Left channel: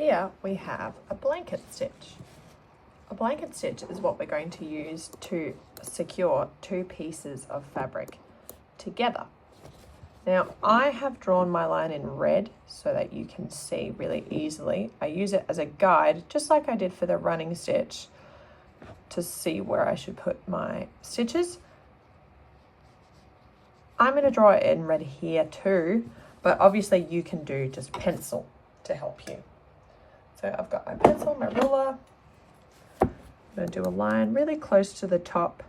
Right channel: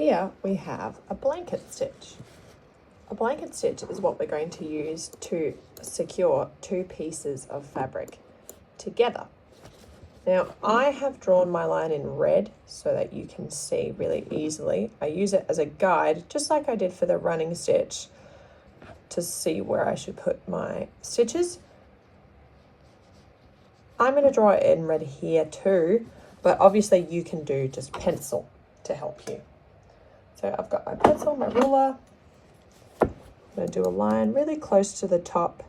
here we have a blanket stitch. A blanket stitch is what we're going to use to secure two pieces of fabric together. Now I have drawn my line in red so that you can see really easily. I use it as a guide, just like I did for the running stitch, to see where I should put my stitches. I'm going to draw it in red here too, but obviously you can do just pencil to help you. So I've got my pencil, my ruler. I'm going to do a line really close to the top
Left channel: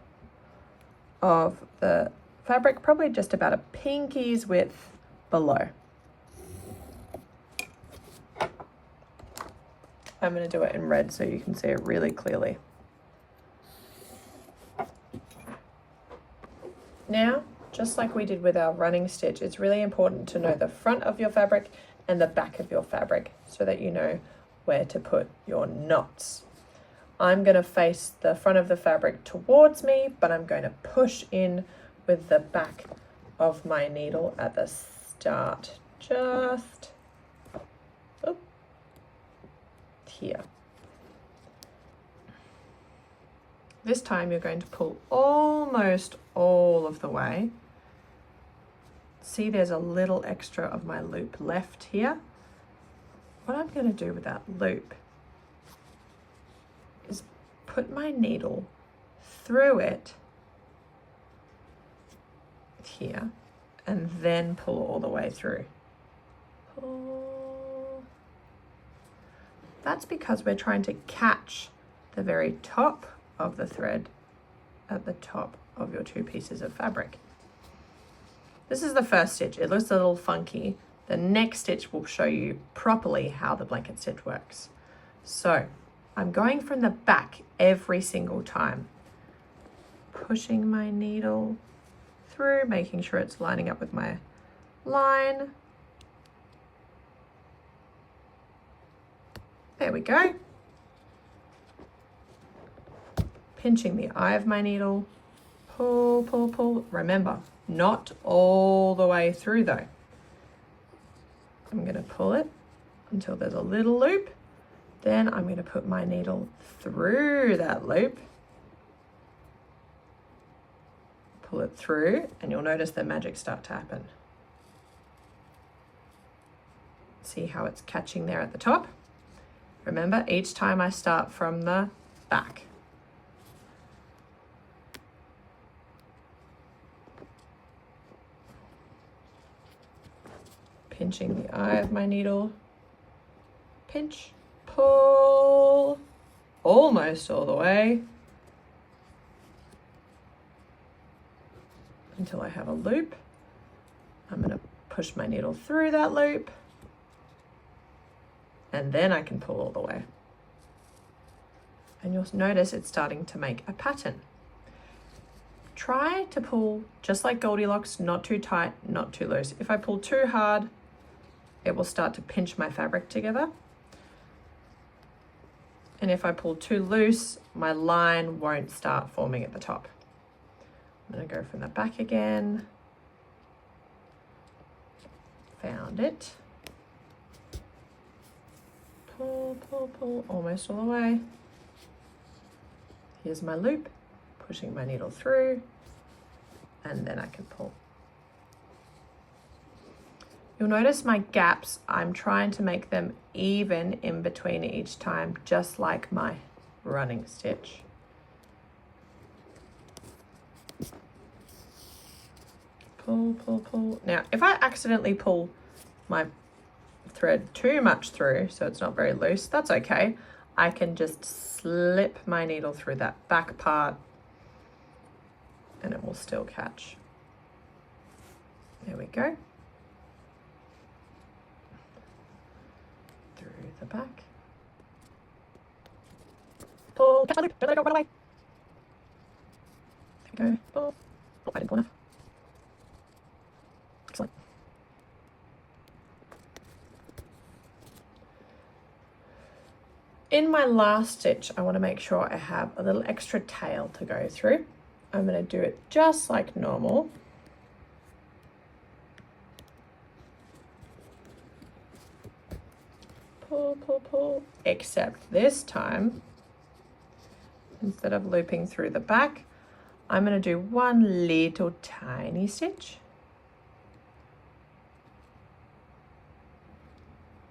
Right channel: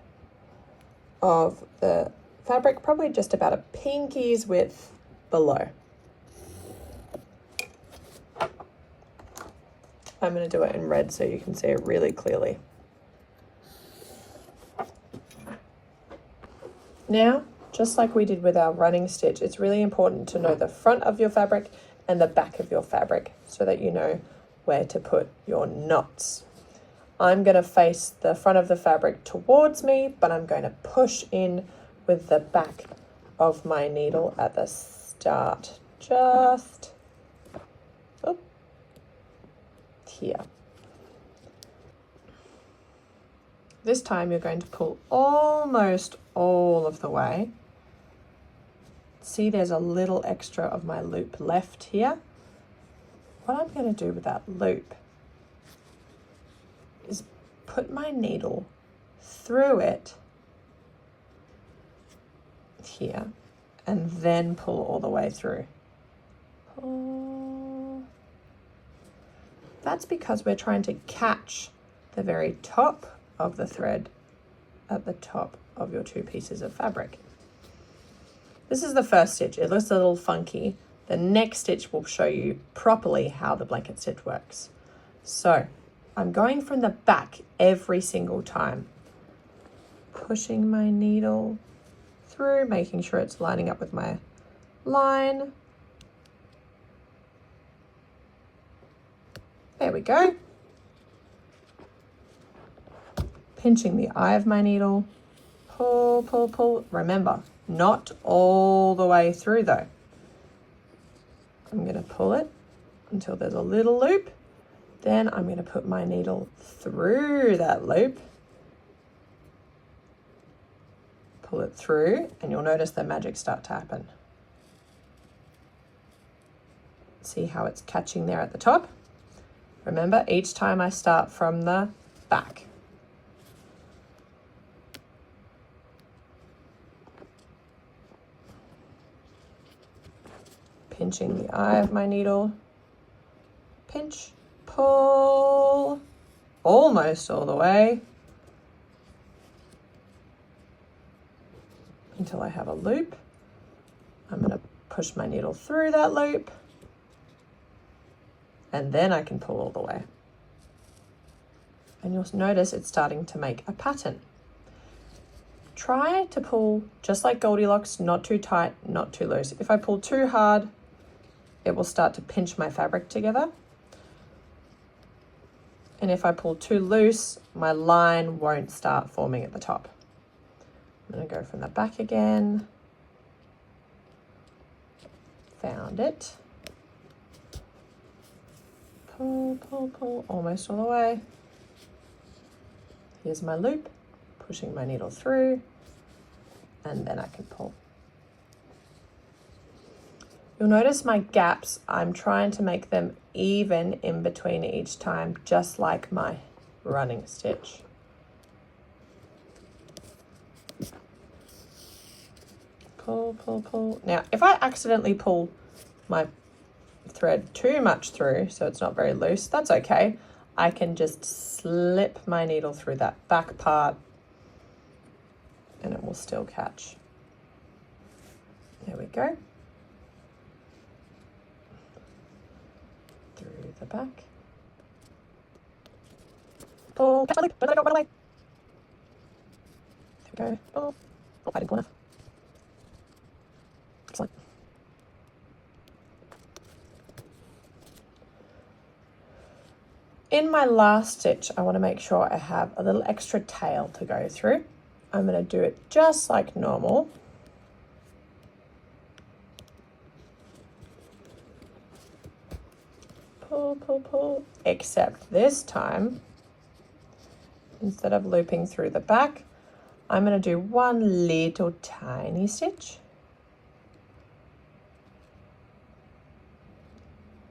of the fabric, probably just about a pinky's width below. I'm going to do it in red so you can see it really clearly. Now, just like we did with our running stitch, it's really important to know the front of your fabric and the back of your fabric so that you know where to put your knots. I'm going to face the front of the fabric towards me, but I'm going to push in with the back of my needle at the start, just here. This time you're going to pull almost all of the way. See, there's a little extra of my loop left here. What I'm going to do with that loop is put my needle through it here and then pull all the way through. Pull. That's because we're trying to catch the very top of the thread at the top of your two pieces of fabric. This is the first stitch. It looks a little funky. The next stitch will show you properly how the blanket stitch works. So I'm going from the back every single time, pushing my needle through, making sure it's lining up with my line. There we go. Pinching the eye of my needle, pull, pull, pull. Remember, not all the way through though. I'm going to pull it until there's a little loop. Then I'm going to put my needle through that loop, pull it through, and you'll notice the magic start to happen. See how it's catching there at the top? Remember, each time I start from the back. Pinching the eye of my needle, pinch, pull, almost all the way until I have a loop. I'm going to push my needle through that loop and then I can pull all the way. And you'll notice it's starting to make a pattern. Try to pull just like Goldilocks, not too tight, not too loose. If I pull too hard, it will start to pinch my fabric together. And if I pull too loose, my line won't start forming at the top. I'm going to go from the back again. Found it. Pull, pull, pull, almost all the way. Here's my loop, pushing my needle through, and then I can pull. You'll notice my gaps, I'm trying to make them even in between each time, just like my running stitch. Pull, pull, pull. Now, if I accidentally pull my thread too much through, so it's not very loose, that's okay. I can just slip my needle through that back part and it will still catch. There we go. Through the back. Pull, catch my loop, don't let it go, run away. There we go. Pull. Oh, I didn't pull enough. Excellent. In my last stitch, I want to make sure I have a little extra tail to go through. I'm going to do it just like normal. Pull, pull, pull, pull. Except this time, instead of looping through the back, I'm going to do one little tiny stitch.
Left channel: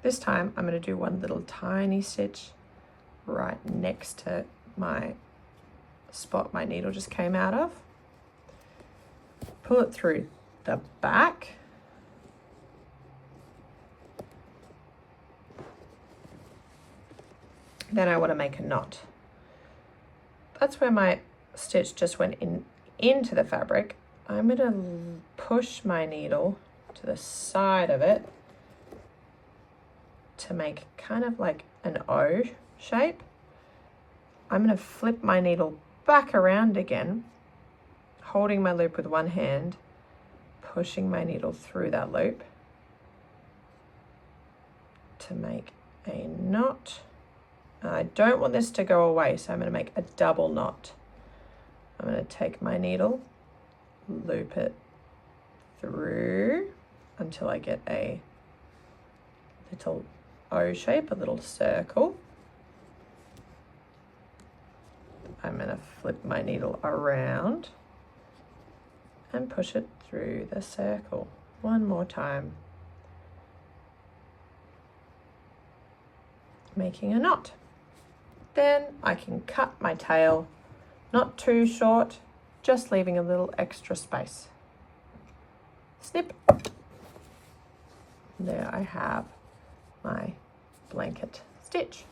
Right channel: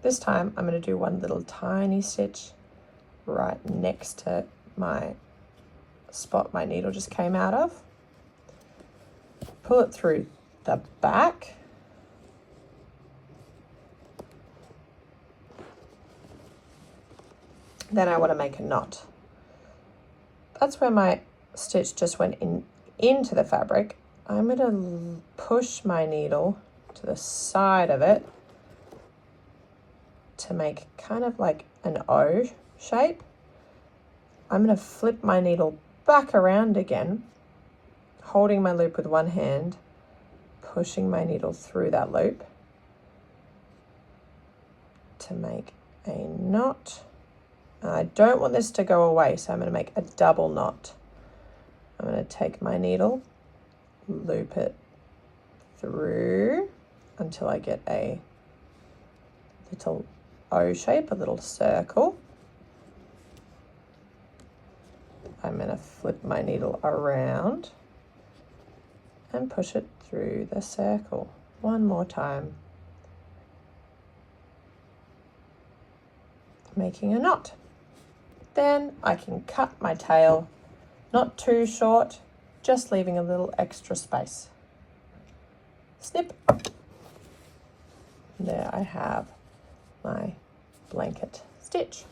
This time I'm going to do one little tiny stitch right next to my spot my needle just came out of. Pull it through the back. Then I want to make a knot. That's where my stitch just went into the fabric. I'm going to push my needle to the side of it to make kind of like an O shape. I'm going to flip my needle back around again, holding my loop with one hand, pushing my needle through that loop to make a knot. And I don't want this to go away, so I'm going to make a double knot. I'm going to take my needle, loop it through until I get a little O shape, a little circle. I'm going to flip my needle around and push it through the circle one more time, making a knot. Then I can cut my tail, not too short, just leaving a little extra space. Snip. There I have my blanket stitch.